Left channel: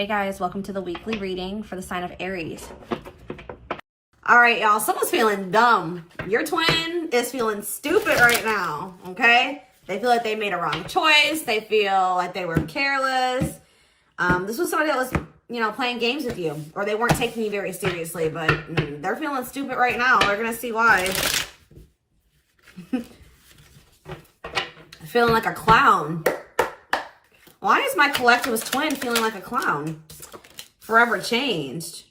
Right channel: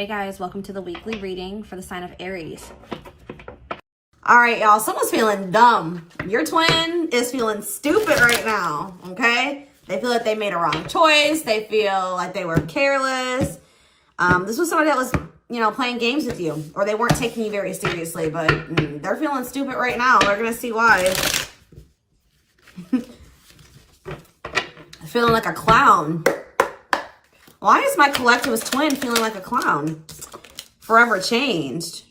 Hey guys, welcome to the weekly reading for the sign of Aries. All right, y'all, someone's feeling dumb. Your twin is feeling stupid right now, okay? They feel like they made a wrong choice. They feel like they were careless. This was somebody that was, playing games with you, or they weren't taking you very seriously, but they're feeling stupid right now. They're going to see why. Feeling like a clown. Why is my collectivist twin feeling like a clown? Forever changed.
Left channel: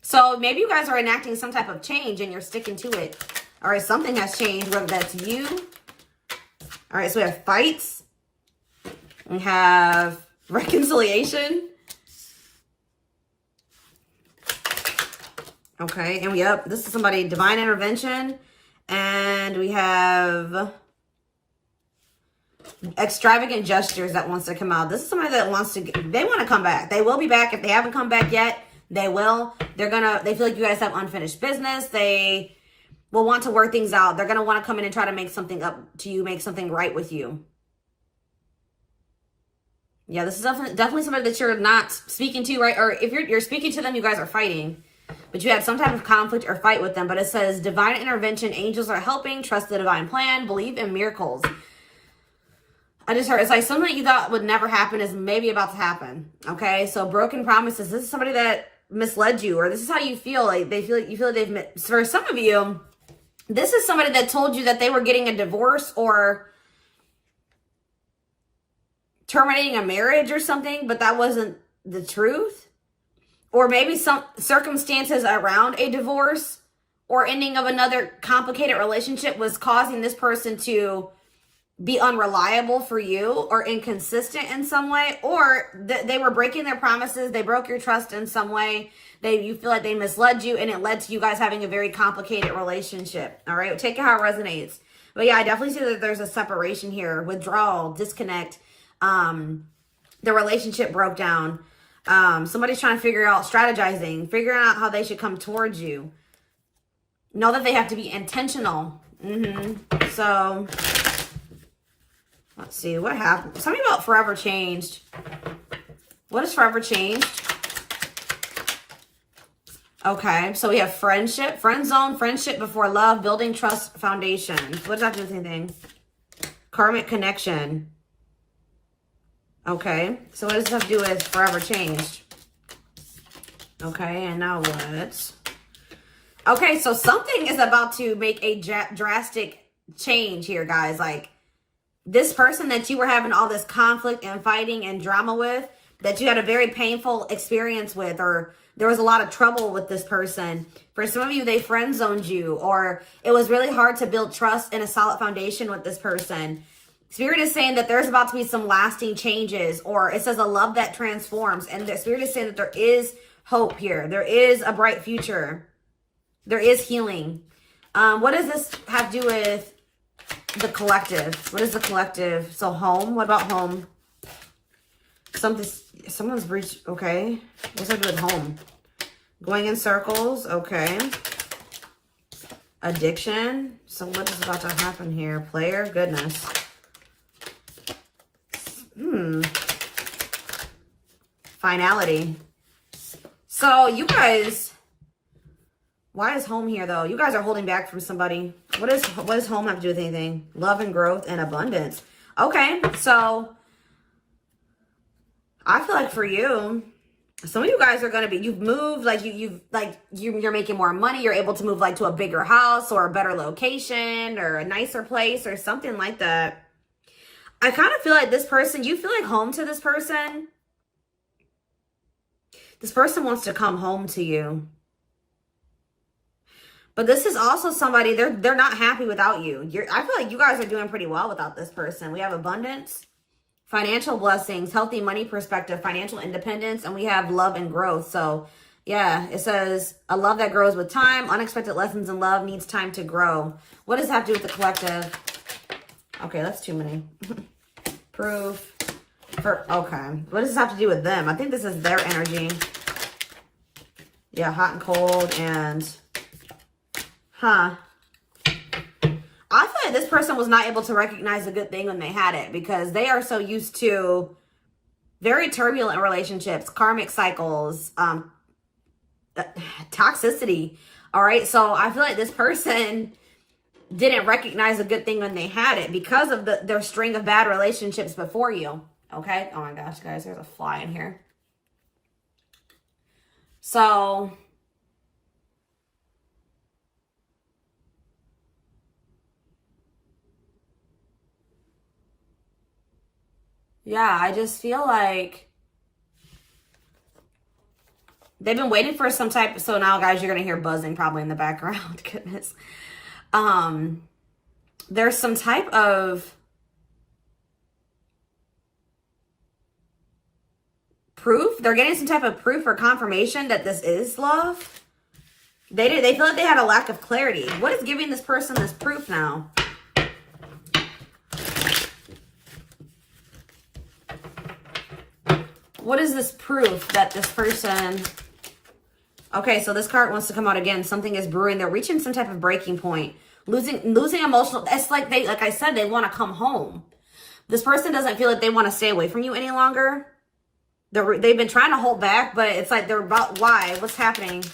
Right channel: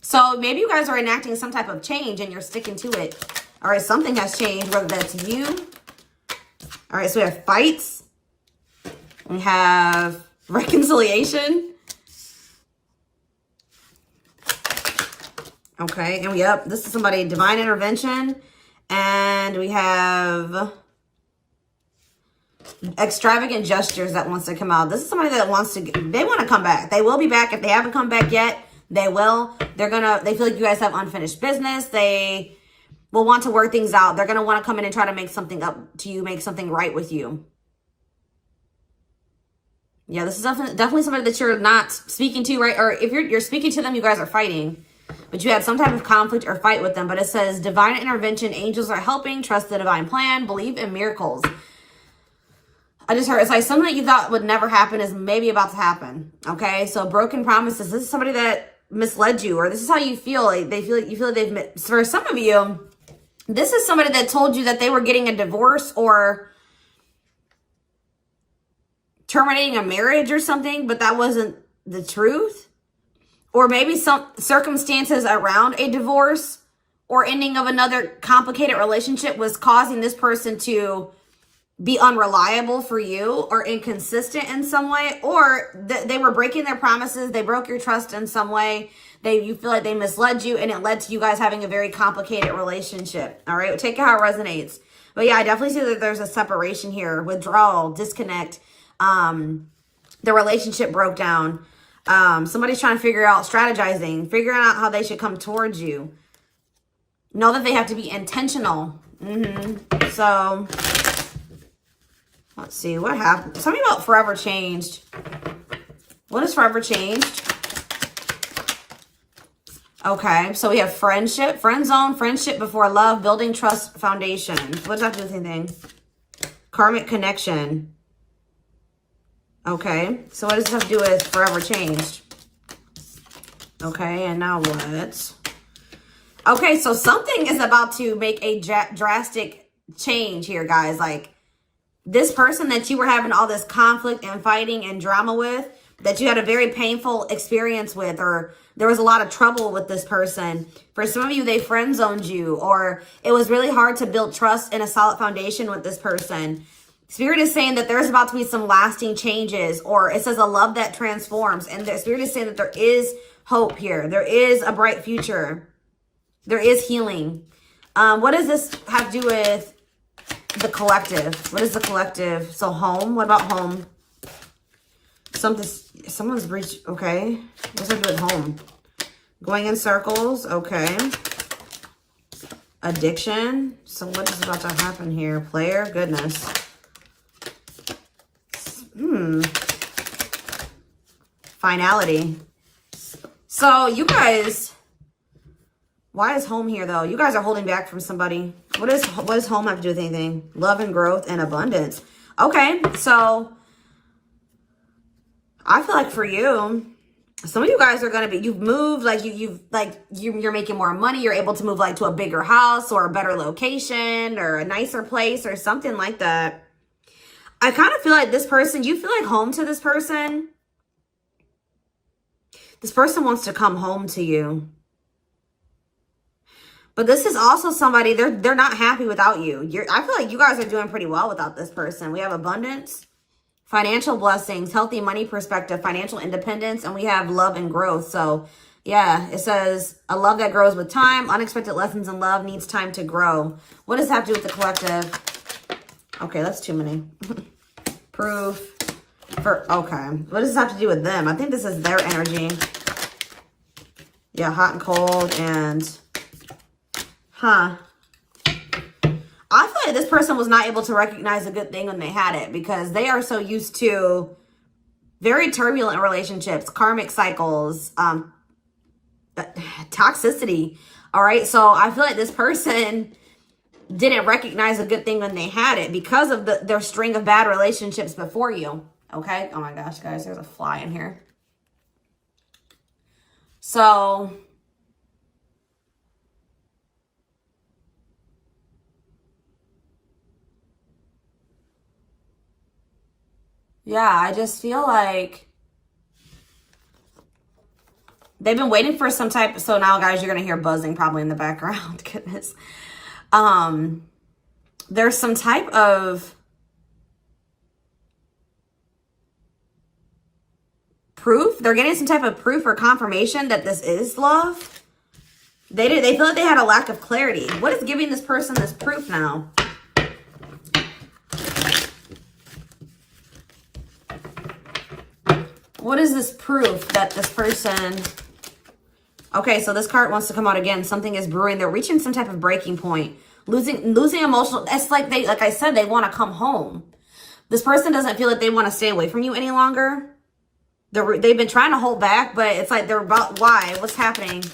So maybe you guys are enacting some type of change and you're sticking to it. All right, something has changed, whether that's you. All right, so we have fights. We have reconciliation. Okay, and this is somebody, divine intervention. And we have extravagant gestures that wants to come out. This is somebody that wants to, they want to come back. They will be back. If they haven't come back yet, they will. They feel like you guys have unfinished business. They will want to work things out. They're going to want to come in and try to make something up to you, make something right with you. Yeah, this is definitely somebody that you're not speaking to, right? Or if you're speaking to them, you guys are fighting. But you had some type of conflict or fight with them. But it says, divine intervention, angels are helping, trust the divine plan, believe in miracles. I just heard, it's like something that you thought would never happen is maybe about to happen. Okay, so broken promises. This is somebody that misled you, or this is how you feel. Like you feel like they've, for some of you, this is somebody that told you that they were getting a divorce or terminating a marriage or something, but that wasn't the truth. Or maybe some circumstances around a divorce or ending of another complicated relationship was causing this person to be unreliable for you or inconsistent in some way, or they were breaking their promises. They broke your trust in some way. You feel like they misled you, and it led to you guys having a very complicated relationship. All right, take it how it resonates. But yeah, I definitely see that there's a separation here, withdrawal, disconnect. The relationship broke down. Somebody's trying to figure out, strategizing, figuring out how they should come towards you. Know that they have to be intentional. So let's see, what happened? Something about forever changed. What is forever changed? Okay, so we have friendship, friend zone, friendship before love, building trust foundation. What does that have to do with anything? Karmic connection. Okay, so what does this have to do with forever changed? Okay, and now what? Okay, so something is about to make a drastic change here, guys. Like, this person that you were having all this conflict and fighting and drama with, that you had a very painful experience with, or there was a lot of trouble with this person. For some of you, they friend zoned you, or it was really hard to build trust and a solid foundation with this person. Spirit is saying that there's about to be some lasting changes, or it says a love that transforms. And the Spirit is saying that there is hope here. There is a bright future. There is healing. What does this have to do with the collective? What is the collective? So home. What about home? Someone's breached. Okay. What does that have to do with home? Going in circles. Okay. Addiction. So what is about to happen here? Player. Goodness. Finality. So you guys, why is home here though? You guys are holding back from somebody. What does home have to do with anything? Love and growth and abundance. Okay, so I feel like for you, some of you guys are gonna be, you've moved, like you're making more money. You're able to move like to a bigger house or a better location or a nicer place or something like that. I kind of feel like this person, do you feel like home to this person? This person wants to come home to you. But this is also somebody, they're not happy without you. I feel like you guys are doing pretty well without this person. We have abundance, financial blessings, healthy money perspective, financial independence, and we have love and growth. So yeah, it says a love that grows with time. Unexpected lessons in love needs time to grow. What does that have to do with the collective? Okay, that's too many. Proof. Okay. What does this have to do with them? I think this is their energy. Yeah, hot and cold and... I feel like this person was not able to recognize a good thing when they had it, because they are so used to Very turbulent relationships, karmic cycles, toxicity. All right. So I feel like this person didn't recognize a good thing when they had it because of their string of bad relationships before you. Okay. Oh my gosh, guys, there's a fly in here. So yeah, I just feel like they've been waiting for some type. So now, guys, you're going to hear buzzing probably in the background. Goodness. There's some type of proof. They're getting some type of proof or confirmation that this is love. They feel like they had a lack of clarity. What is giving this person this proof now? What is this proof that this person... Okay, so this card wants to come out again. Something is brewing. They're reaching some type of breaking point. Losing emotional... It's like like I said, they want to come home. This person doesn't feel like they want to stay away from you any longer. They've been trying to hold back, but it's like they're about... Why? What's happening?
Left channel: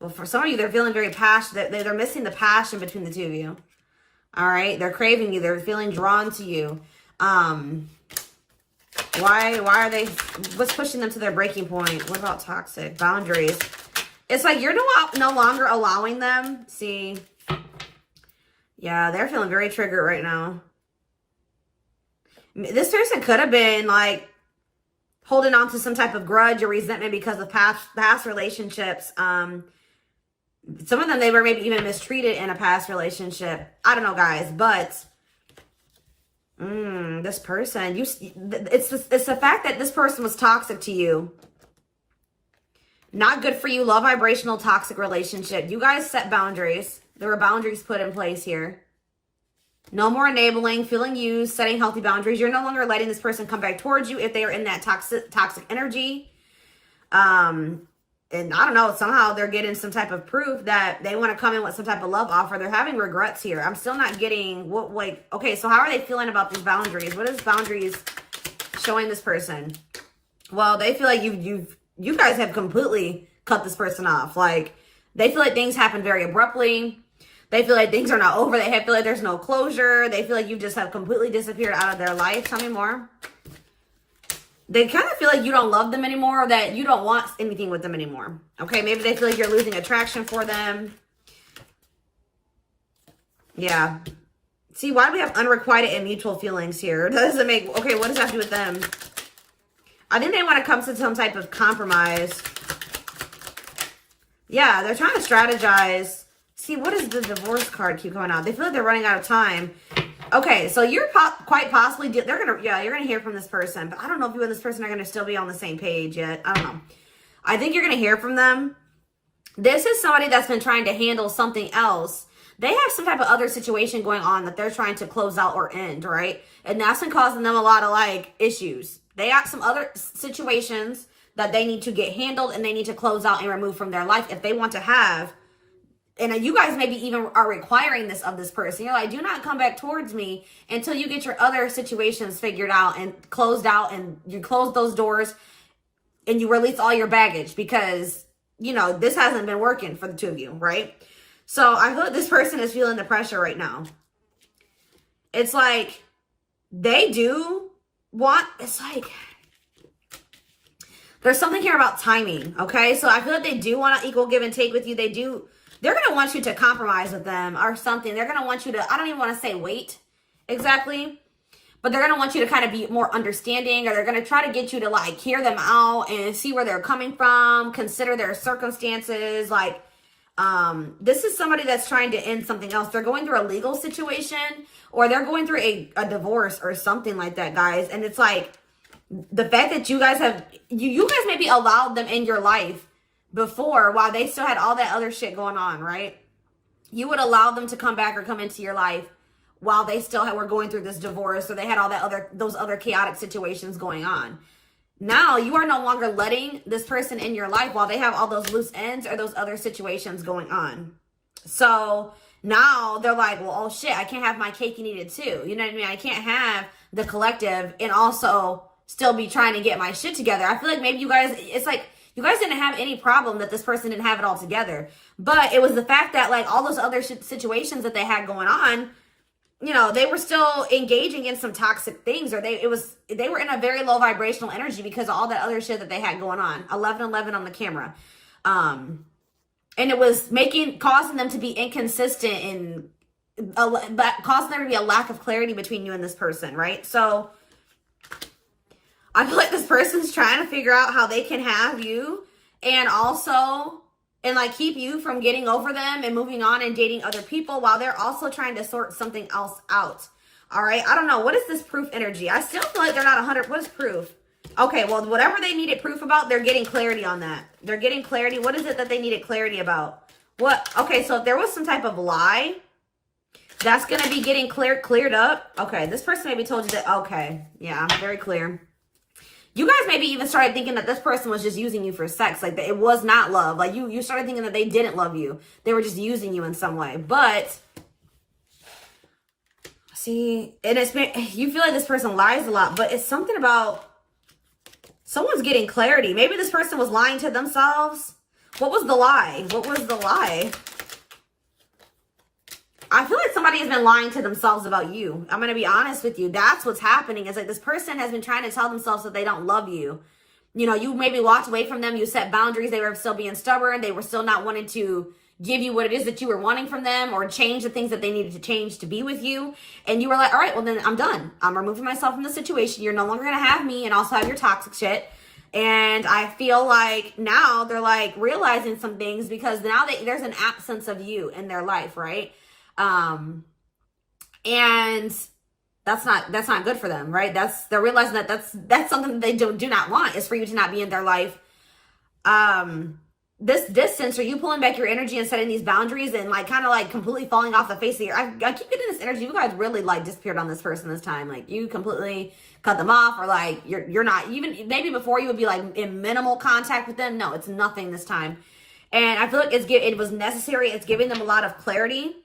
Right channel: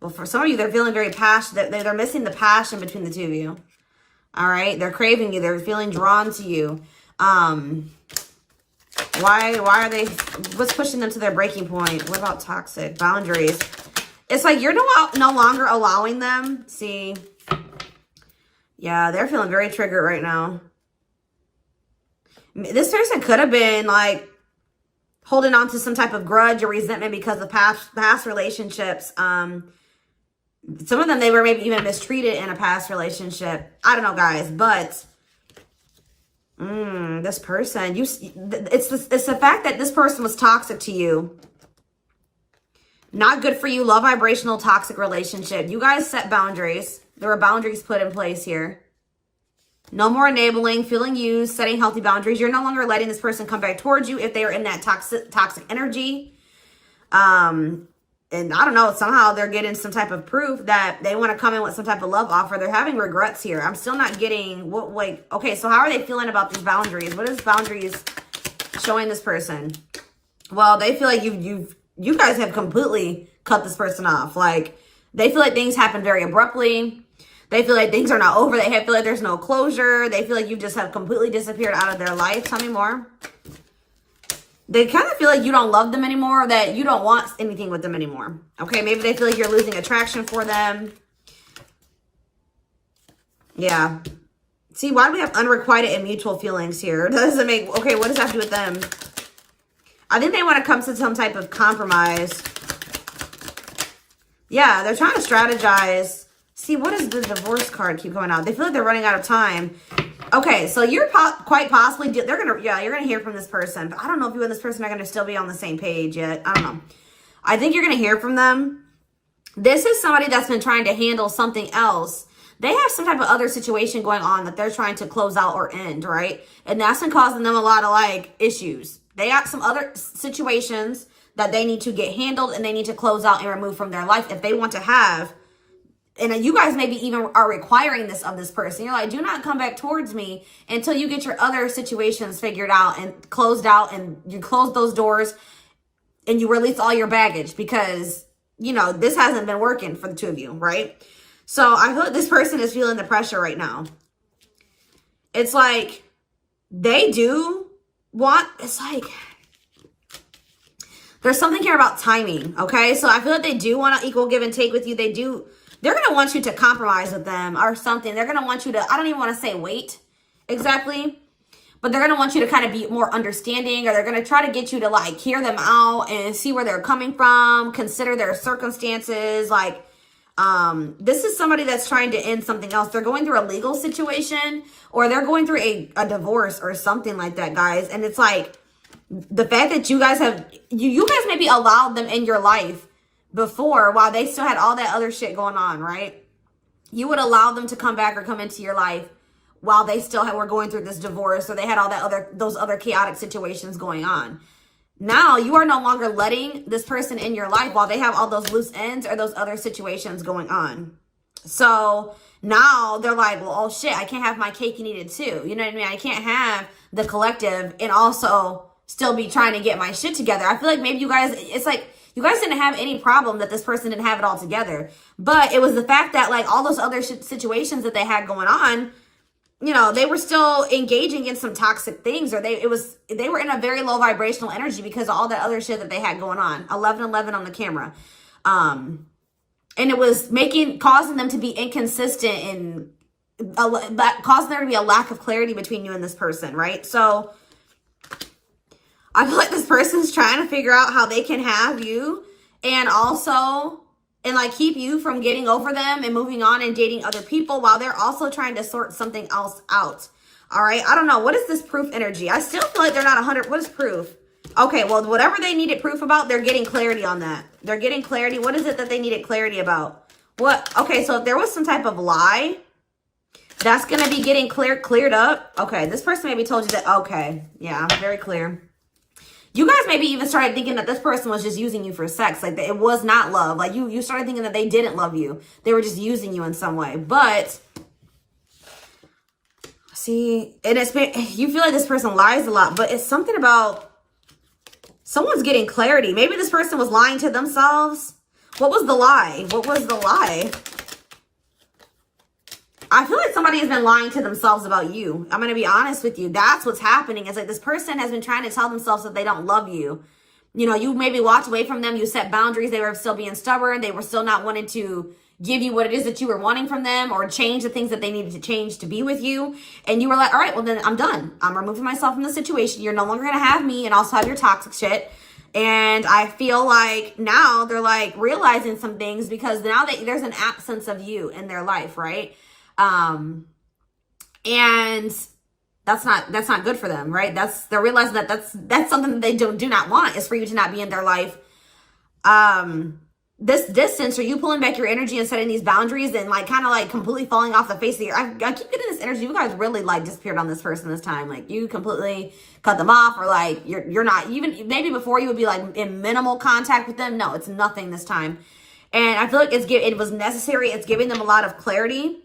Well, for some of you, they're feeling very passionate. They're missing the passion between the two of you. All right? They're craving you. They're feeling drawn to you. Why are they, what's pushing them to their breaking point? What about toxic boundaries? It's like you're no longer allowing them. See, yeah, they're feeling very triggered right now. This person could have been like holding on to some type of grudge or resentment because of past relationships. Some of them, they were maybe even mistreated in a past relationship. I don't know, guys, but this person, it's the fact that this person was toxic to you. Not good for you. Low vibrational toxic relationship. You guys set boundaries. There were boundaries put in place here. No more enabling, feeling used, setting healthy boundaries. You're no longer letting this person come back towards you if they are in that toxic energy. And I don't know, somehow they're getting some type of proof that they want to come in with some type of love offer. They're having regrets here. I'm still not getting what, like, okay, so how are they feeling about these boundaries? What is boundaries showing this person? Well, they feel like you guys have completely cut this person off. Like, they feel like things happen very abruptly. They feel like things are not over. They feel like there's no closure. They feel like you just have completely disappeared out of their life. Tell me more. They kind of feel like you don't love them anymore, or that you don't want anything with them anymore. Okay, maybe they feel like you're losing attraction for them. Yeah. See, why do we have unrequited and mutual feelings here? Does it make... Okay, what does that have to do with them? I think they want to come to some type of compromise. Yeah, they're trying to strategize. See, what does the divorce card keep going on? They feel like they're running out of time. Okay, so you're quite possibly, you're gonna hear from this person, but I don't know if you and this person are gonna still be on the same page yet. I don't know. I think you're gonna hear from them. This is somebody that's been trying to handle something else. They have some type of other situation going on that they're trying to close out or end, right? And that's been causing them a lot of like issues. They got some other situations that they need to get handled and they need to close out and remove from their life if they want to have. And you guys maybe even are requiring this of this person. You're like, do not come back towards me until you get your other situations figured out and closed out, and you close those doors and you release all your baggage, because, you know, this hasn't been working for the two of you, right? So I feel like this person is feeling the pressure right now. It's like they do want, it's like, there's something here about timing, okay? So I feel like they do want to equal give and take with you. They're going to want you to compromise with them or something. They're going to want you to, I don't even want to say wait exactly, but they're going to want you to kind of be more understanding, or they're going to try to get you to like hear them out and see where they're coming from, consider their circumstances. Like, this is somebody that's trying to end something else. They're going through a legal situation, or they're going through a divorce or something like that, guys. And it's like the fact that you guys have, you guys maybe allowed them in your life before while they still had all that other shit going on, right? You would allow them to come back or come into your life while they still were going through this divorce, or they had all that those other chaotic situations going on. Now you are no longer letting this person in your life while they have all those loose ends or those other situations going on. So now they're like, well, oh shit, I can't have my cake and eat it too. You know what I mean? I can't have the collective and also still be trying to get my shit together. I feel like maybe you guys, it's like, you guys didn't have any problem that this person didn't have it all together. But it was the fact that like all those other situations that they had going on, you know, they were still engaging in some toxic things, or they were in a very low vibrational energy because of all that other shit that they had going on. 1111 on the camera. And it was causing them to be inconsistent and causing there to be a lack of clarity between you and this person, right? So I feel like this person's trying to figure out how they can have you and like keep you from getting over them and moving on and dating other people while they're also trying to sort something else out. All right. I don't know. What is this proof energy? I still feel like they're not 100. What is proof? Okay. Well, whatever they needed proof about, they're getting clarity on that. They're getting clarity. What is it that they needed clarity about? What? Okay. So if there was some type of lie, that's going to be getting cleared up. Okay. This person maybe told you that. Okay. Yeah. I'm very clear. You guys maybe even started thinking that this person was just using you for sex. Like, it was not love. Like, you started thinking that they didn't love you. They were just using you in some way. But, see, and you feel like this person lies a lot. But it's something about someone's getting clarity. Maybe this person was lying to themselves. What was the lie? What was the lie? I feel like somebody has been lying to themselves about you. I'm going to be honest with you. That's what's happening. It's like this person has been trying to tell themselves that they don't love you. You know, you maybe walked away from them. You set boundaries. They were still being stubborn. They were still not wanting to give you what it is that you were wanting from them or change the things that they needed to change to be with you. And you were like, all right, well, then I'm done. I'm removing myself from the situation. You're no longer going to have me and also have your toxic shit. And I feel like now they're like realizing some things because now there's an absence of you in their life, right? And that's not good for them, right? They're realizing that that's something that they do not want, is for you to not be in their life. This distance, or you pulling back your energy and setting these boundaries and like kind of like completely falling off the face of I keep getting this energy. You guys really like disappeared on this person this time. Like you completely cut them off, or like you're not even, maybe before you would be like in minimal contact with them. No, it's nothing this time. And I feel like it was necessary. It's giving them a lot of clarity.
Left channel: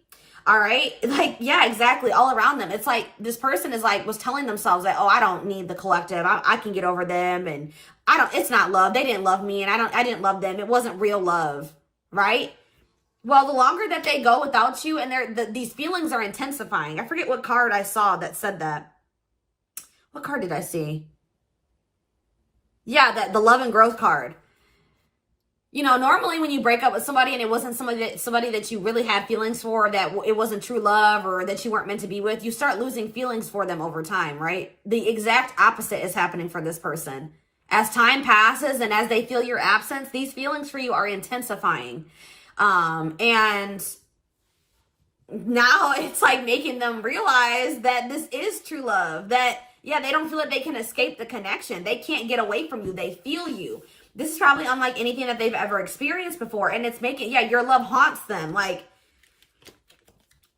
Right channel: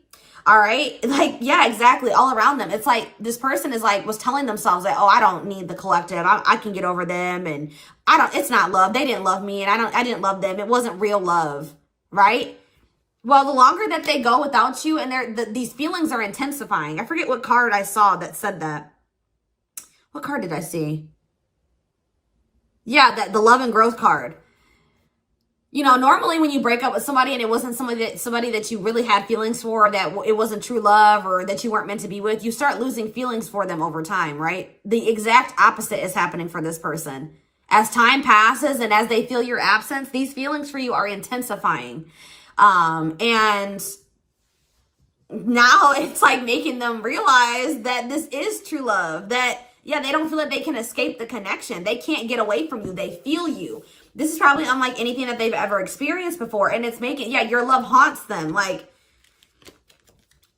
All right. Like, yeah, exactly. All around them. It's like this person was telling themselves like, oh, I don't need the collective. I can get over them. And it's not love. They didn't love me. And I didn't love them. It wasn't real love. Right. Well, the longer that they go without you and these feelings are intensifying. I forget what card I saw that said that. What card did I see? Yeah, the love and growth card. You know, normally when you break up with somebody and it wasn't somebody that you really had feelings for, that it wasn't true love or that you weren't meant to be with, you start losing feelings for them over time, right? The exact opposite is happening for this person. As time passes and as they feel your absence, these feelings for you are intensifying. And now it's like making them realize that this is true love, that, yeah, they don't feel like they can escape the connection. They can't get away from you. They feel you. This is probably unlike anything that they've ever experienced before. And it's making, yeah, your love haunts them. Like,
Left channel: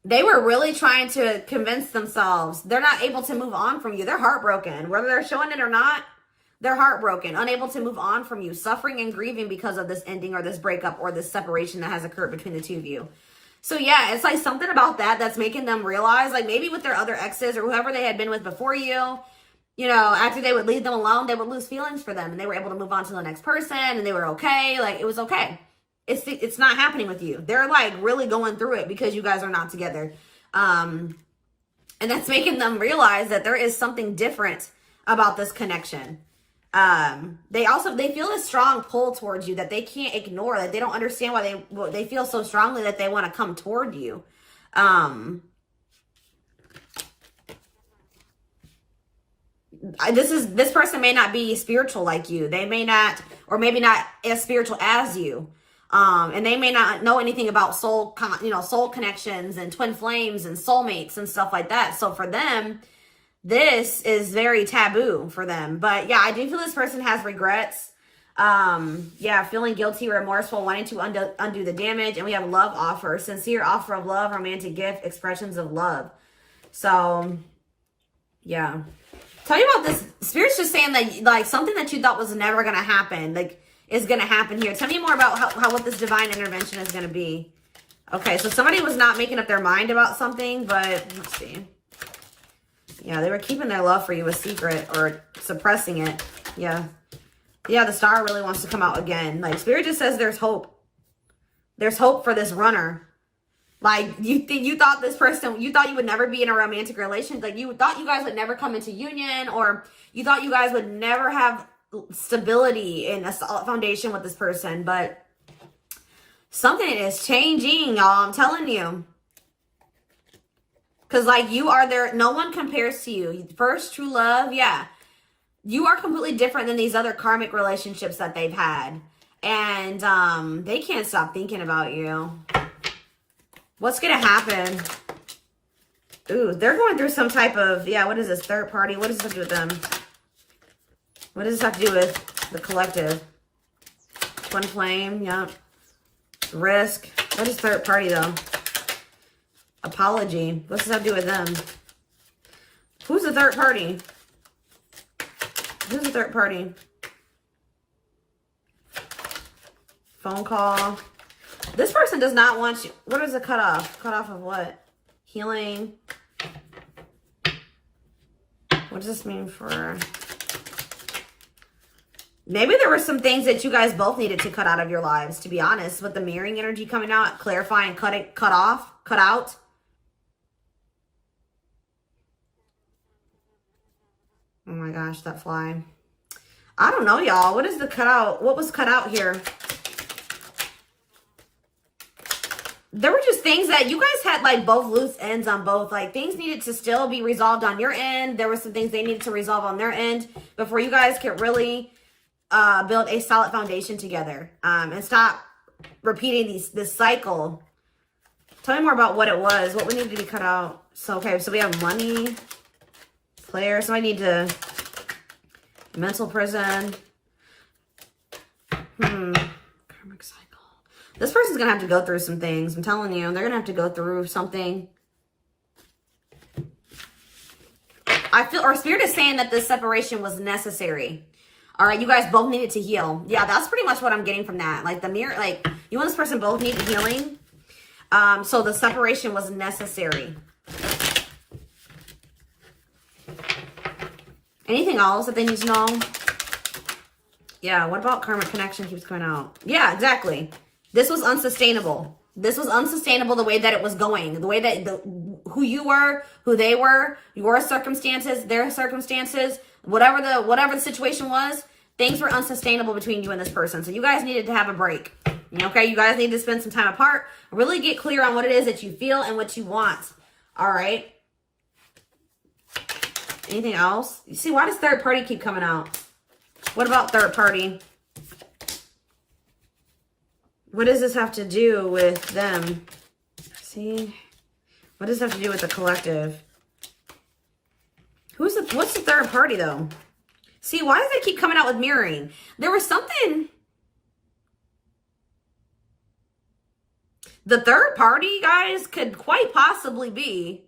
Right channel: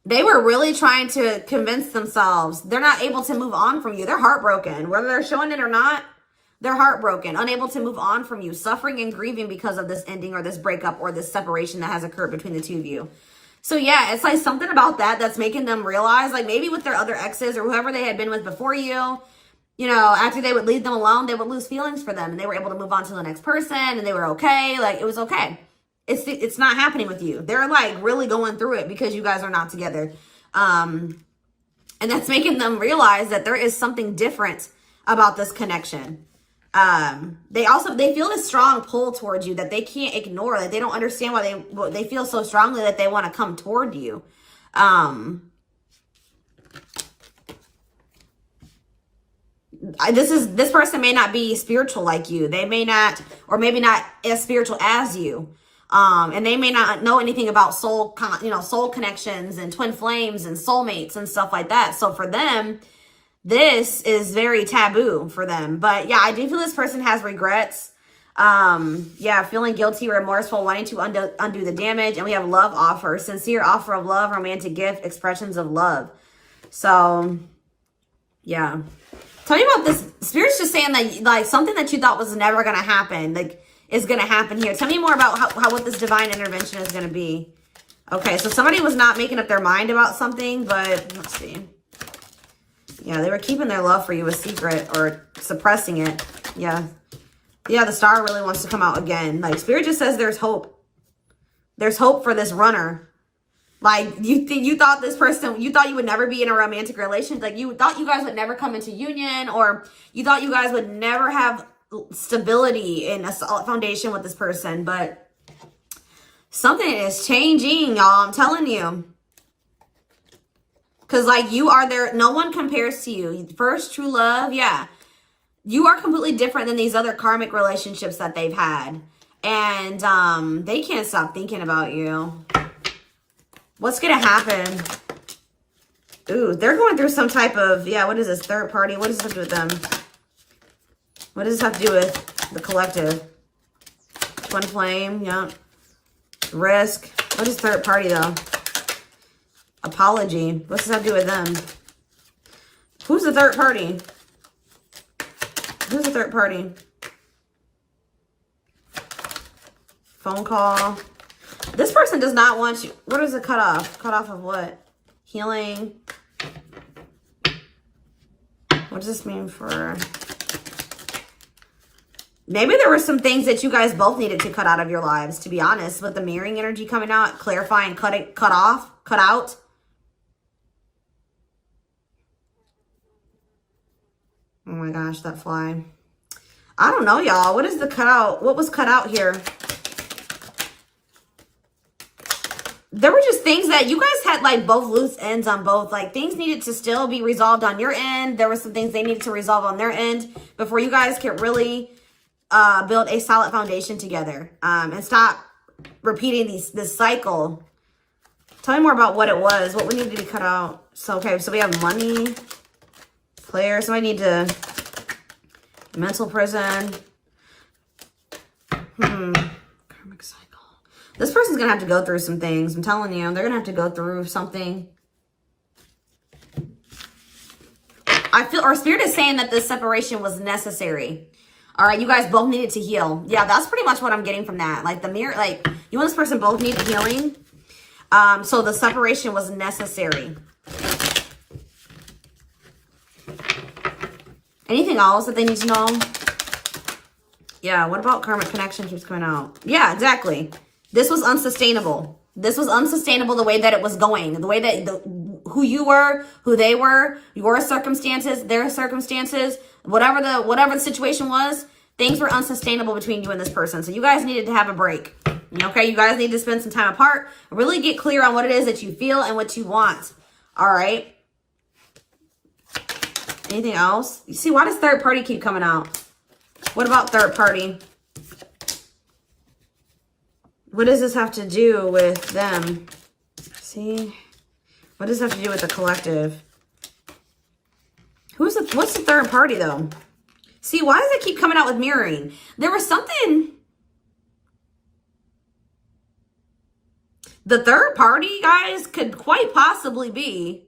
they were really trying to convince themselves they're not able to move on from you. They're heartbroken. Whether they're showing it or not, they're heartbroken, unable to move on from you, suffering and grieving because of this ending or this breakup or this separation that has occurred between the two of you. So, yeah, it's like something about that's making them realize, like maybe with their other exes or whoever they had been with before you know, after they would leave them alone, they would lose feelings for them and they were able to move on to the next person and they were okay. Like, it was okay. It's not happening with you. They're like really going through it because you guys are not together. And that's making them realize that there is something different about this connection. They feel a strong pull towards you that they can't ignore. Like, they don't understand why they feel so strongly that they want to come toward you. This person may not be spiritual like you. They may not, or maybe not as spiritual as you. And they may not know anything about soul connections and twin flames and soulmates and stuff like that. So for them, this is very taboo for them. But yeah, I do feel this person has regrets. Yeah, feeling guilty, remorseful, wanting to undo the damage. And we have love offer, sincere offer of love, romantic gift, expressions of love. So yeah. Tell me about this. Spirit's just saying that, like, something that you thought was never going to happen, like, is going to happen here. Tell me more about how what this divine intervention is going to be. Okay, so somebody was not making up their mind about something, but let's see. Yeah, they were keeping their love for you a secret or suppressing it. Yeah. Yeah, the star really wants to come out again. Like, Spirit just says there's hope. There's hope for this runner. Like, you thought this person, you thought you would never be in a romantic relationship. Like, you thought you guys would never come into union, or you thought you guys would never have stability and a solid foundation with this person. But something is changing, y'all. I'm telling you. Because, like, you are there. No one compares to you. First true love, yeah. You are completely different than these other karmic relationships that they've had. And they can't stop thinking about you. What's going to happen? Ooh, they're going through some type of, yeah, what is this? Third party? What does this have to do with them? What does this have to do with the collective? Twin flame, yep. Risk. What is third party, though? Apology. What's this have to do with them? Who's the third party? Who's the third party? Phone call. This person does not want you. What is the cutoff? Cutoff of what? Healing. What does this mean for... Maybe there were some things that you guys both needed to cut out of your lives, to be honest. With the mirroring energy coming out, clarifying, cut out. Oh my gosh, that fly. I don't know, y'all. What is the cutout? What was cut out here? There were just things that you guys had, like, both loose ends on both. Like, things needed to still be resolved on your end. There were some things they needed to resolve on their end before you guys could really build a solid foundation together. And stop repeating this cycle. Tell me more about what it was. What we needed to be cut out. So, okay, so we have money. Player. So I need to... Mental prison. Karmic cycle. This person's going to have to go through some things. I'm telling you. They're going to have to go through something. I feel, or Spirit is saying that this separation was necessary. All right. You guys both needed to heal. Yeah, that's pretty much what I'm getting from that. Like the mirror, like you and this person both needed healing. So the separation was necessary. Anything else that they need to know? Yeah, what about karmic connection keeps coming out? Yeah, exactly. This was unsustainable. This was unsustainable the way that it was going. The way that who you were, who they were, your circumstances, their circumstances, whatever the situation was, things were unsustainable between you and this person. So you guys needed to have a break. Okay, you guys need to spend some time apart. Really get clear on what it is that you feel and what you want. All right. Anything else? You see, why does third party keep coming out? What about third party? What does this have to do with them? See? What does this have to do with the collective? What's the third party, though? See, why does it keep coming out with mirroring? There was something... The third party, guys, could quite possibly be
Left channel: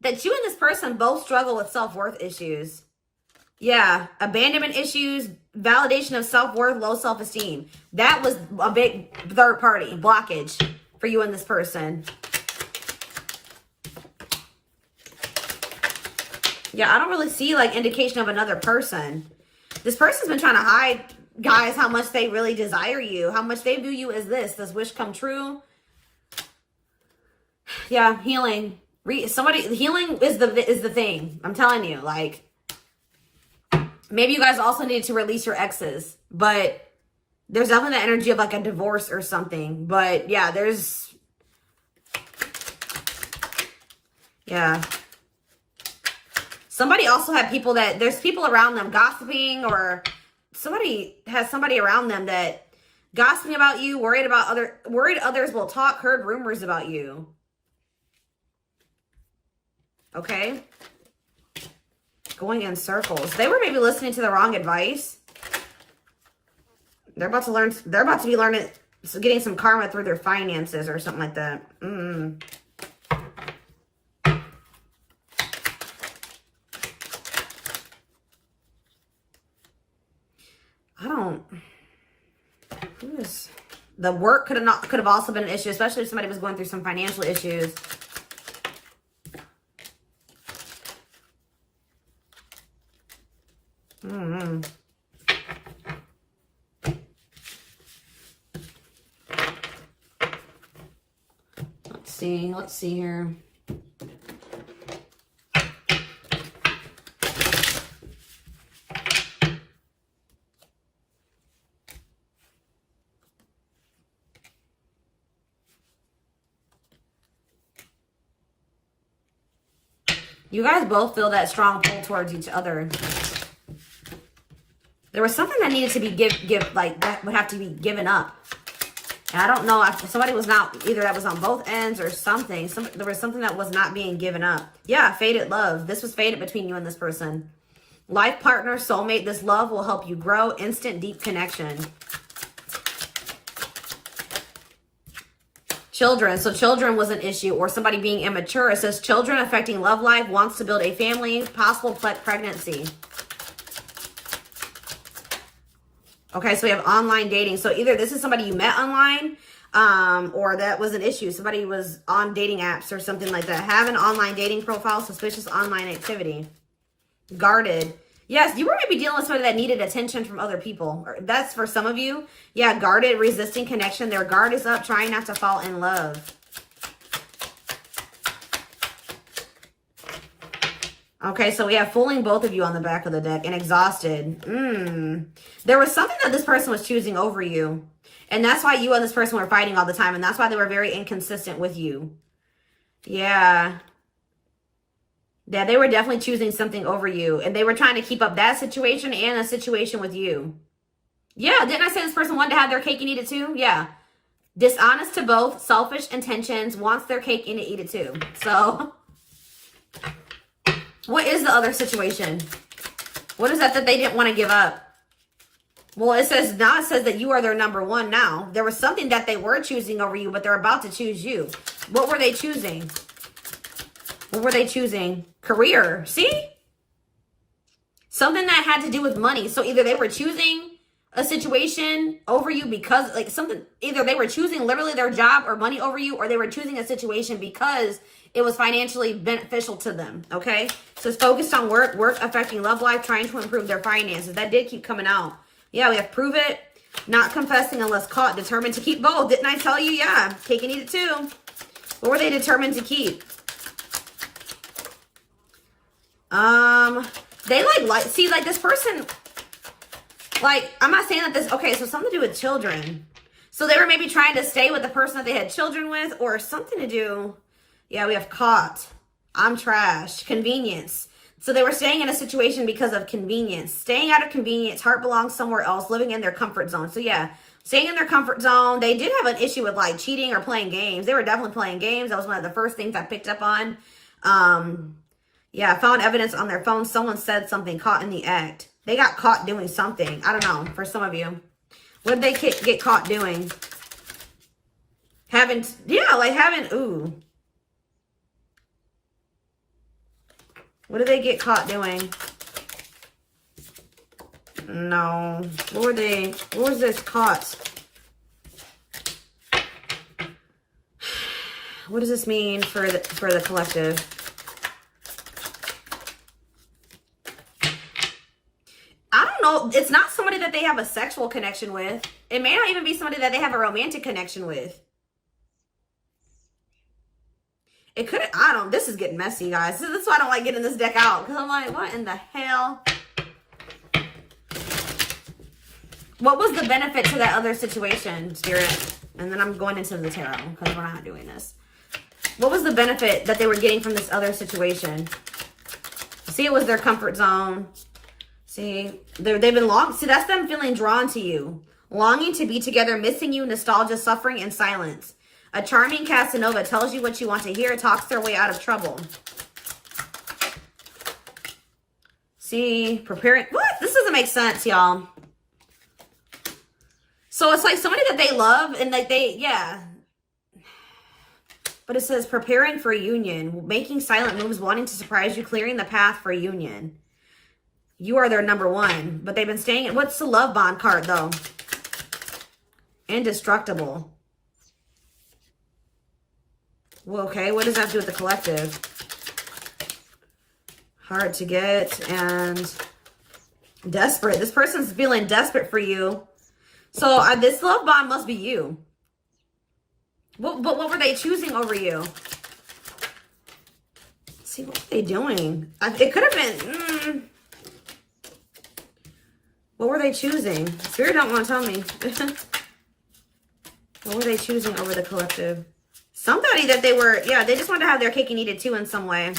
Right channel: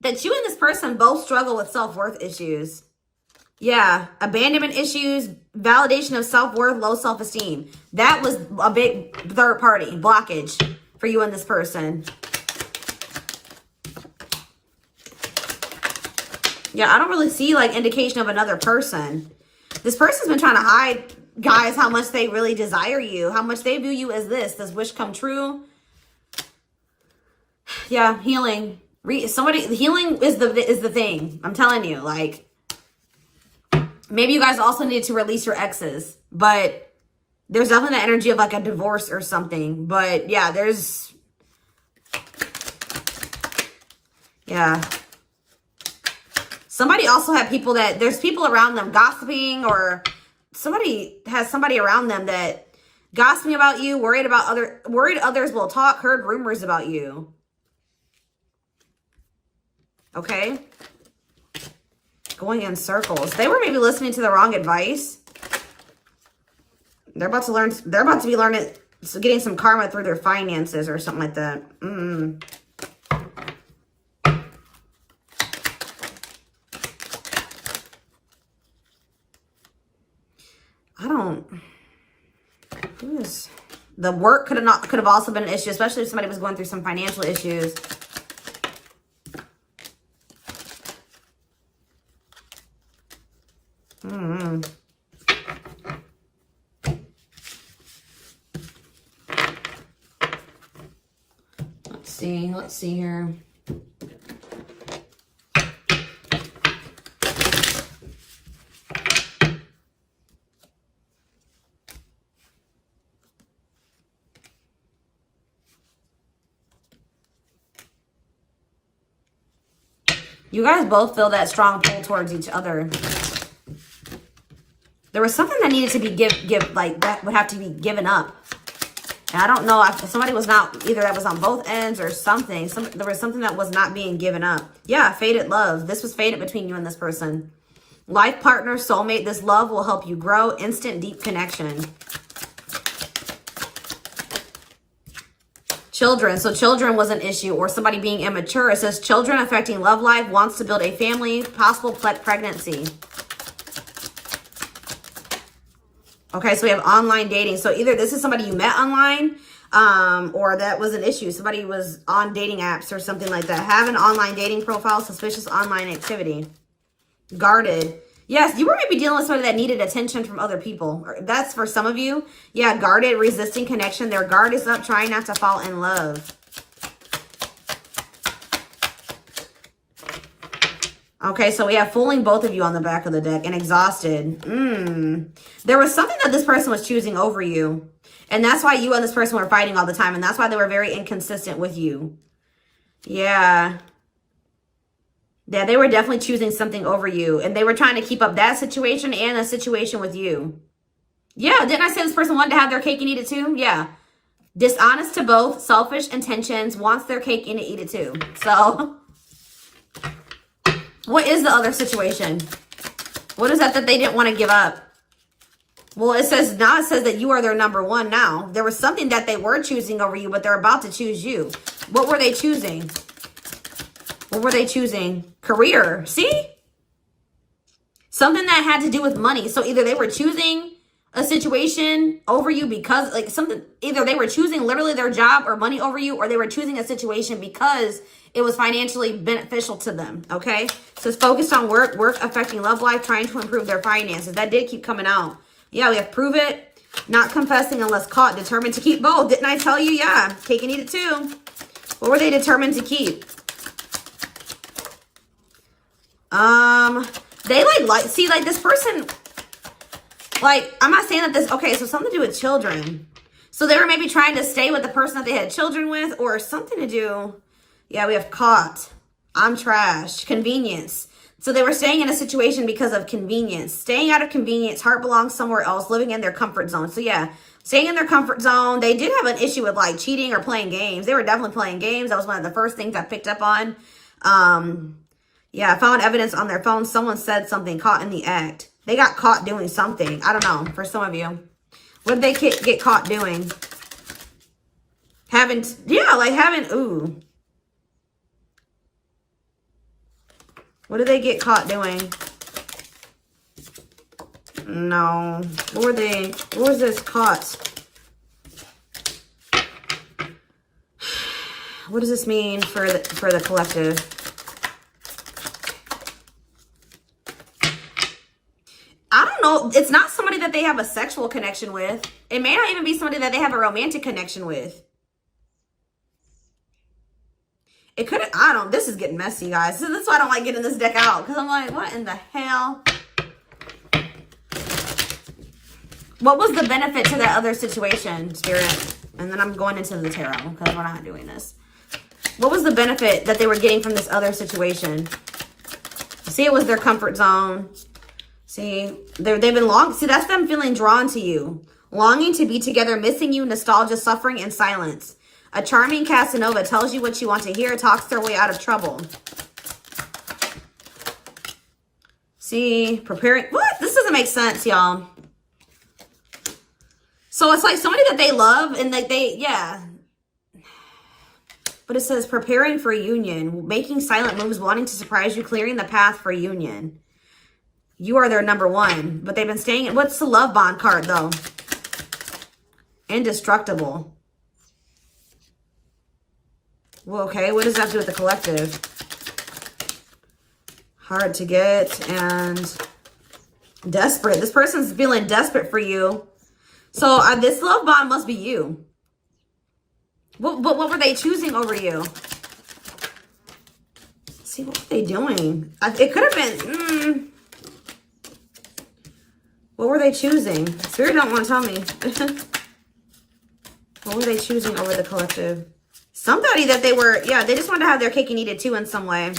that you and this person both struggle with self-worth issues. Yeah, abandonment issues, validation of self-worth, low self-esteem. That was a big third party blockage for you and this person. Yeah, I don't really see like indication of another person. This person's been trying to hide, guys, how much they really desire you, how much they view you as this wish come true. Yeah, healing. Healing is the thing. I'm telling you, like, maybe you guys also need to release your exes, but there's definitely the energy of like a divorce or something. But yeah, somebody also had people there's people around them gossiping, or somebody has somebody around them that gossiping about you, worried others will talk, heard rumors about you. Okay. Going in circles. They were maybe listening to the wrong advice. They're about to be learning, getting some karma through their finances or something like that. The work could have also been an issue, especially if somebody was going through some financial issues. see. Let's see here. You guys both feel that strong pull towards each other. There was something that needed to be like that would have to be given up. And I don't know if somebody was not, either that was on both ends or something. There was something that was not being given up. Yeah, fated love. This was fated between you and this person. Life partner, soulmate. This love will help you grow. Instant, deep connection. Children. So children was an issue, or somebody being immature. It says children affecting love life, wants to build a family, possible pregnancy. Okay, so we have online dating. So either this is somebody you met online, or that was an issue. Somebody was on dating apps or something like that. Have an online dating profile, suspicious online activity. Guarded. Yes, you were maybe dealing with somebody that needed attention from other people. That's for some of you. Yeah, guarded, resisting connection. Their guard is up, trying not to fall in love. Okay, so we have fooling both of you on the back of the deck and exhausted. There was something that this person was choosing over you. And that's why you and this person were fighting all the time. And that's why they were very inconsistent with you. Yeah. Yeah, they were definitely choosing something over you. And they were trying to keep up that situation and a situation with you. Yeah, didn't I say this person wanted to have their cake and eat it too? Yeah. Dishonest to both, selfish intentions, wants their cake and eat it too. So, what is the other situation? What is that they didn't want to give up? Well, it says that you are their number one now. There was something that they were choosing over you, but they're about to choose you. What were they choosing? What were they choosing? Career. See? Something that had to do with money. So either they were choosing a situation over you because like something, either they were choosing literally their job or money over you, or they were choosing a situation because it was financially beneficial to them. Okay. So it's focused on work affecting love life, trying to improve their finances. That did keep coming out. Yeah, we have prove it, not confessing unless caught, determined to keep both. Didn't I tell you? Yeah, cake and eat it too. What were they determined to keep? They see, like this person, like, I'm not saying that this, okay, so something to do with children. So they were maybe trying to stay with the person that they had children with, or something to do, yeah, we have caught, I'm trash, convenience. So they were staying in a situation because of convenience. Staying out of convenience, heart belongs somewhere else, living in their comfort zone. So yeah, staying in their comfort zone. They did have an issue with like cheating or playing games. They were definitely playing games. That was one of the first things I picked up on. Yeah, I found evidence on their phone. Someone said something, caught in the act. They got caught doing something. I don't know, for some of you. What did they get caught doing? Ooh. What did they get caught doing? No. What was this caught? What does this mean for the collective? I don't know. It's not somebody that they have a sexual connection with. It may not even be somebody that they have a romantic connection with. It could have, this is getting messy, guys. This is why I don't like getting this deck out. Because I'm like, what in the hell? What was the benefit to that other situation, Spirit? And then I'm going into the tarot because we're not doing this. What was the benefit that they were getting from this other situation? See, it was their comfort zone. See, they've been see, that's them feeling drawn to you. Longing to be together, missing you, nostalgia, suffering, and silence. A charming Casanova tells you what you want to hear, talks their way out of trouble. See, preparing. What? This doesn't make sense, y'all. So it's like somebody that they love and that yeah. But it says preparing for union, making silent moves, wanting to surprise you, clearing the path for union. You are their number one, but they've been staying. What's the love bond card, though? Indestructible. Well, okay, what does that have to do with the collective? Hard to get and desperate. This person's feeling desperate for you. So this love bond must be you. What were they choosing over you? Let's see, what were they doing? It could have been... What were they choosing? Spirit don't want to tell me. What were they choosing over the collective? Somebody that they were... Yeah, they just wanted to have their cake and eat it too in some way.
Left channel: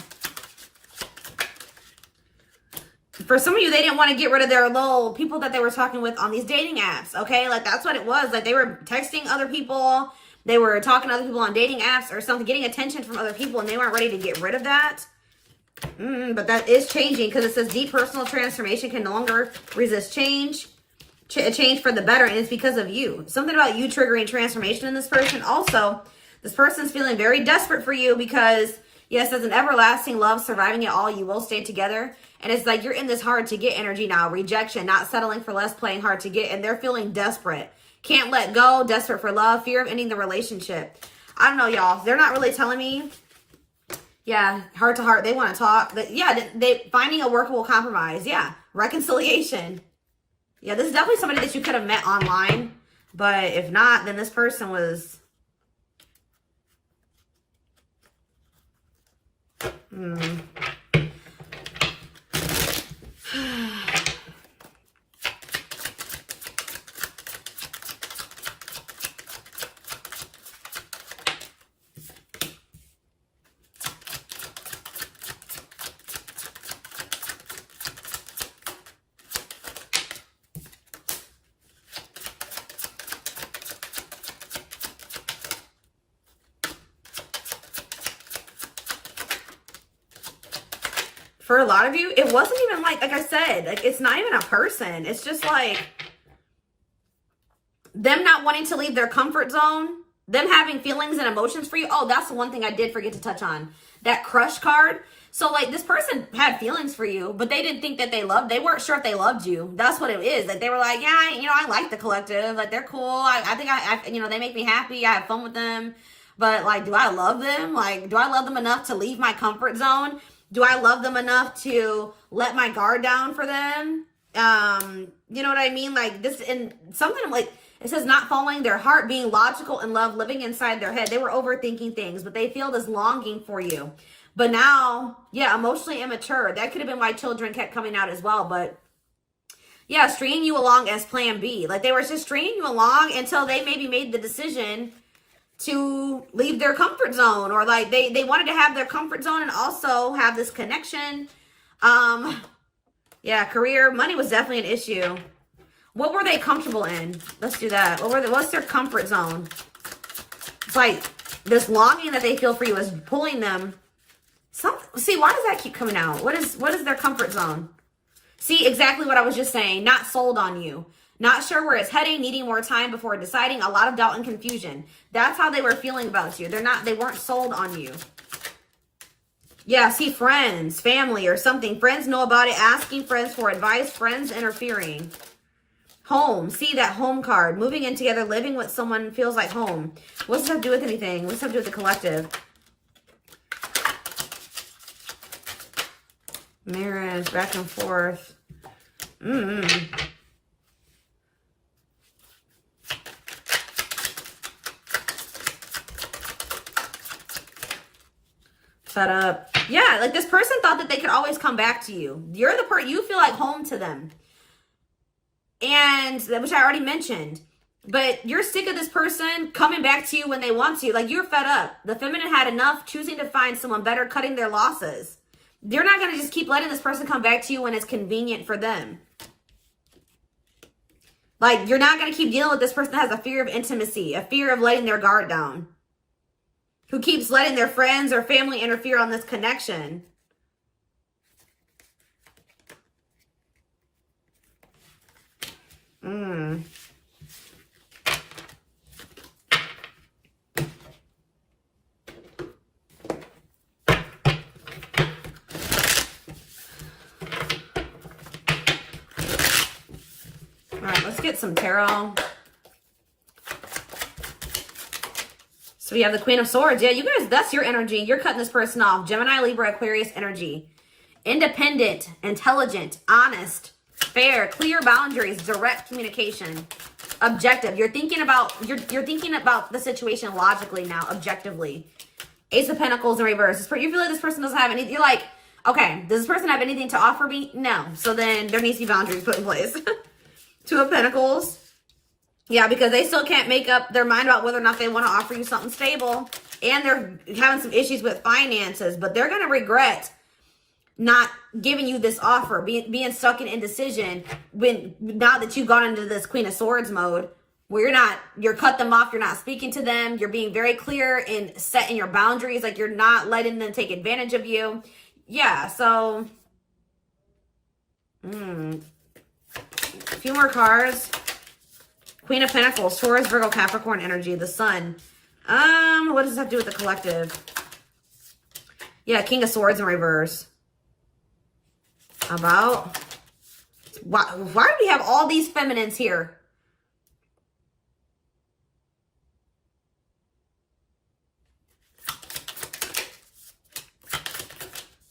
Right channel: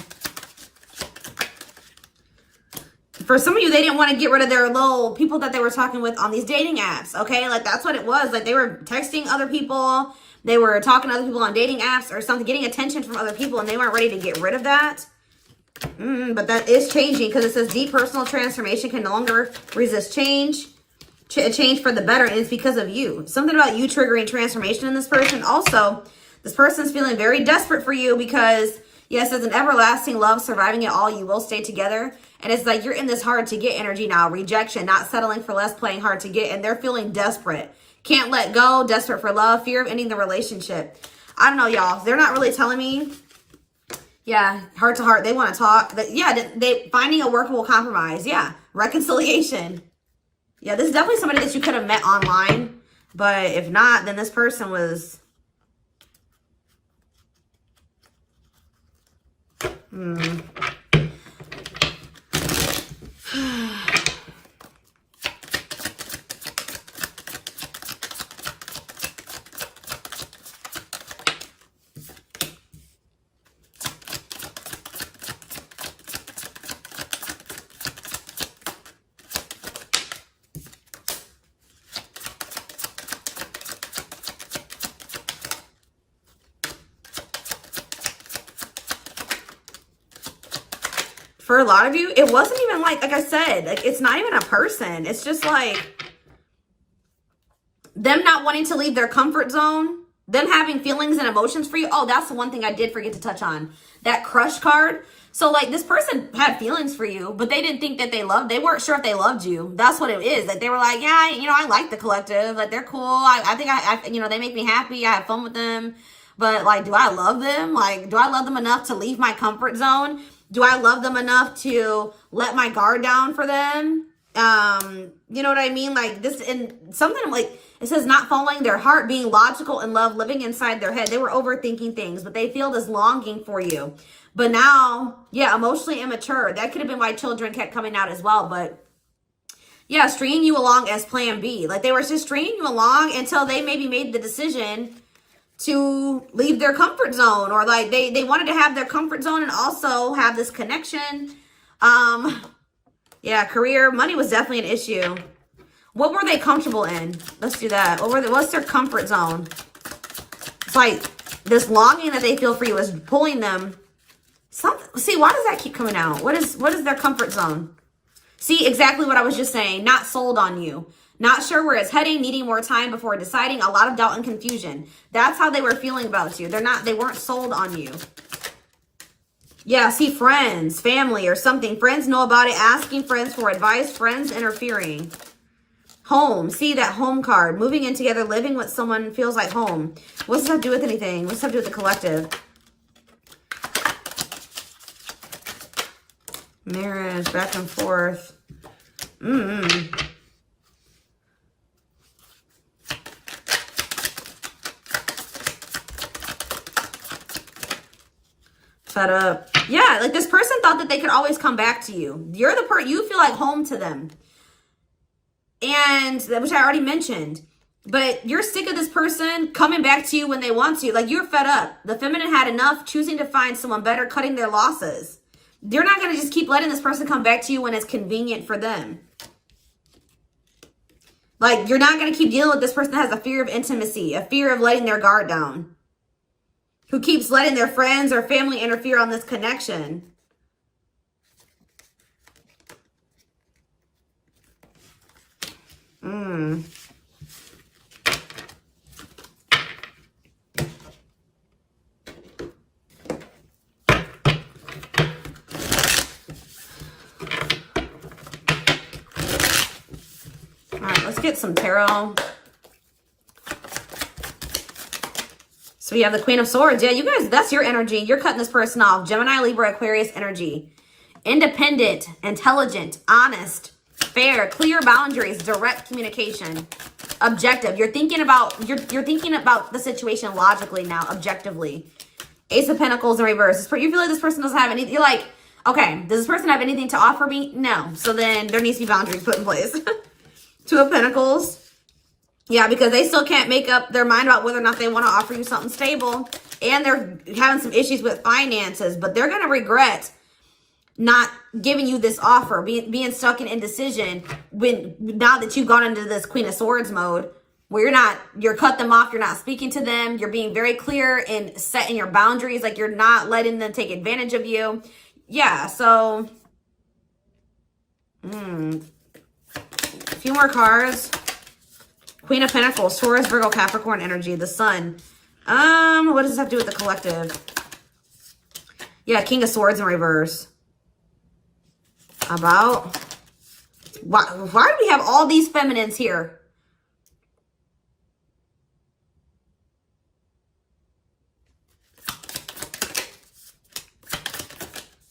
For some of you, they didn't want to get rid of their little people that they were talking with on these dating apps, okay? Like, that's what it was. Like, they were texting other people. They were talking to other people on dating apps or something, getting attention from other people, and they weren't ready to get rid of that. But that is changing because it says deep personal transformation can no longer resist change. Change for the better, and it's because of you. Something about you triggering transformation in this person. Also, this person's feeling very desperate for you because, yes, as an everlasting love, surviving it all, you will stay together. And it's like you're in this hard to get energy now. Rejection, not settling for less, playing hard to get. And they're feeling desperate. Can't let go, desperate for love, fear of ending the relationship. I don't know, y'all. They're not really telling me. Yeah, heart to heart. They want to talk. Yeah, they finding a workable compromise. Yeah, reconciliation. Yeah, this is definitely somebody that you could have met online. But if not, then this person was... For a lot of you, it wasn't even like I said, like it's not even a person. It's just like them not wanting to leave their comfort zone, them having feelings and emotions for you. Oh, that's the one thing I did forget to touch on. That crush card. So like this person had feelings for you, but they didn't think that they weren't sure if they loved you. That's what it is. Like they were like, yeah, you know, I like the collective. Like they're cool. I think I you know, they make me happy. I have fun with them. But like, do I love them? Like, do I love them enough to leave my comfort zone? Do I love them enough to let my guard down for them? You know what I mean? Like this, and something like, it says not following their heart, being logical in love, living inside their head. They were overthinking things, but they feel this longing for you. But now, yeah, emotionally immature. That could have been why children kept coming out as well. But yeah, stringing you along as plan B. Like they were just stringing you along until they maybe made the decision to leave their comfort zone, or like they wanted to have their comfort zone and also have this connection. Yeah, career, money was definitely an issue. What were they comfortable in? Let's do that. What's their comfort zone? It's like this longing that they feel for you is pulling them. See, why does that keep coming out? What is their comfort zone? See, exactly what I was just saying. Not sold on you. Not sure where it's heading, needing more time before deciding, a lot of doubt and confusion. That's how they were feeling about you. They weren't sold on you. Yeah, see, friends, family or something. Friends know about it, asking friends for advice, friends interfering. Home, see that home card. Moving in together, living with someone feels like home. What's that do with anything? What's that do with the collective? Marriage, back and forth. Shut up. Yeah, like this person thought that they could always come back to you. You're the you feel like home to them. And, which I already mentioned. But you're sick of this person coming back to you when they want to. Like, you're fed up. The feminine had enough, choosing to find someone better, cutting their losses. You're not going to just keep letting this person come back to you when it's convenient for them. Like, you're not going to keep dealing with this person that has a fear of intimacy, a fear of letting their guard down, who keeps letting their friends or family interfere on this connection. All right, let's get some tarot. So we have the Queen of Swords. Yeah, you guys, that's your energy. You're cutting this person off. Gemini, Libra, Aquarius energy. Independent, intelligent, honest. fair, clear boundaries, direct communication, objective. You're thinking about the situation logically now, objectively. Ace of Pentacles in reverse. You feel like this person doesn't have anything. You're like, okay, does this person have anything to offer me? No. So then there needs to be boundaries put in place. Two of Pentacles. Yeah, because they still can't make up their mind about whether or not they want to offer you something stable. And they're having some issues with finances, but they're going to regret not giving you this offer, being stuck in indecision now that you've gone into this Queen of Swords mode, where you're cut them off, you're not speaking to them, you're being very clear and setting your boundaries, like you're not letting them take advantage of you. Yeah, so a few more cards. Queen of Pentacles, Taurus, Virgo, Capricorn energy, the Sun. What does this have to do with the collective? Yeah, King of Swords in reverse. About why do we have all these feminines here?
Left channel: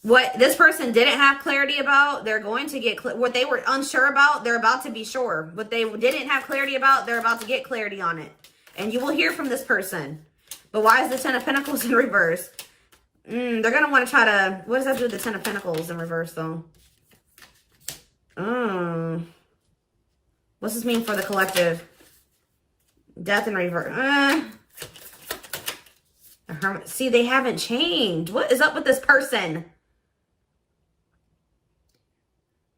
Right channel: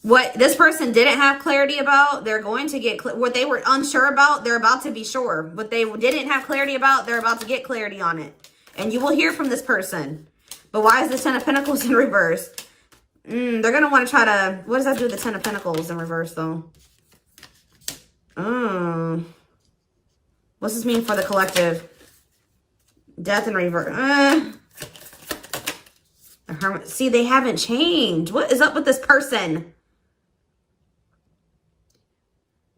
What this person didn't have clarity about, they're going to get what they were unsure about, they're about to be sure. What they didn't have clarity about, they're about to get clarity on it. And you will hear from this person. But why is the Ten of Pentacles in reverse? They're going to want to try to, what does that do with the Ten of Pentacles in reverse though? What's this mean for the collective? Death in reverse. See, they haven't changed. What is up with this person?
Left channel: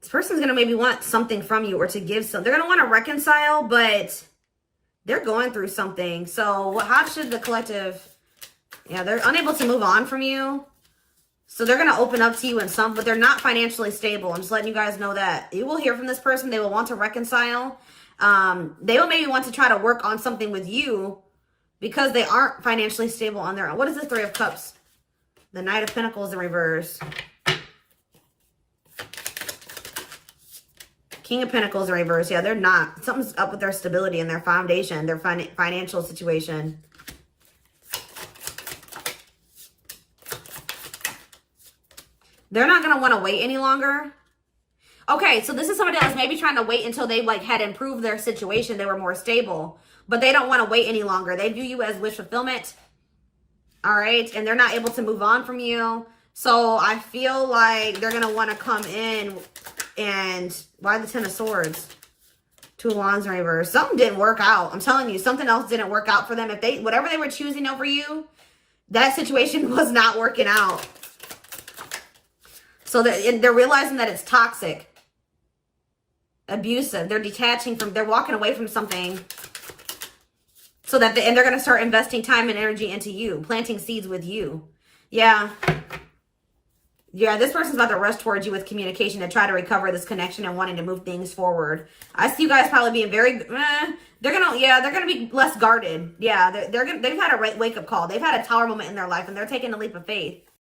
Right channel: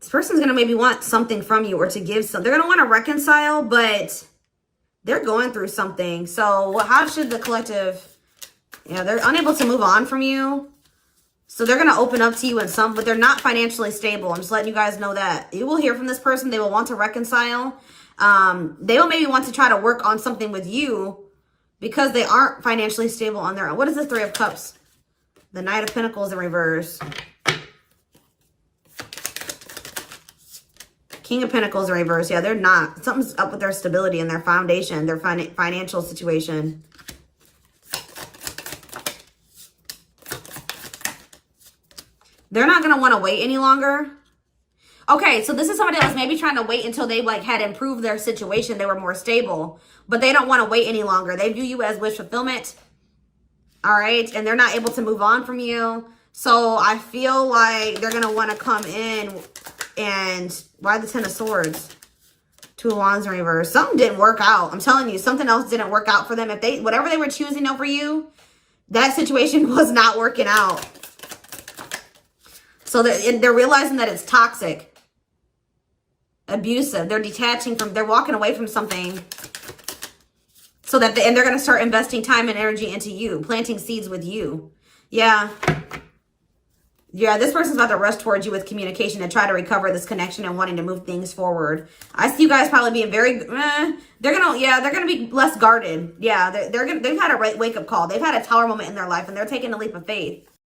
This person's going to maybe want something from you or to give something. They're going to want to reconcile, but they're going through something. So how should the collective... Yeah, they're unable to move on from you. So they're going to open up to you in some, but they're not financially stable. I'm just letting you guys know that. You will hear from this person. They will want to reconcile. They will maybe want to try to work on something with you because they aren't financially stable on their own. What is the Three of Cups? The Knight of Pentacles in reverse. King of Pentacles in reverse. Yeah, they're not. Something's up with their stability and their foundation, their financial situation. They're not going to want to wait any longer. Okay, so this is somebody that was maybe trying to wait until they had improved their situation. They were more stable. But they don't want to wait any longer. They view you as wish fulfillment. All right? And they're not able to move on from you. So I feel like they're going to want to come in and... Why the Ten of Swords? Two of Wands in reverse. Something didn't work out. I'm telling you, something else didn't work out for them. If whatever they were choosing over you, that situation was not working out. So they're realizing that it's toxic, abusive. They're detaching from, they're walking away from something so that, and they're going to start investing time and energy into you, planting seeds with you. Yeah. Yeah, this person's about to rush towards you with communication and try to recover this connection and wanting to move things forward. I see you guys probably being very, they're going to be less guarded. Yeah, they've had a wake-up call. They've had a tower moment in their life and they're taking a leap of faith.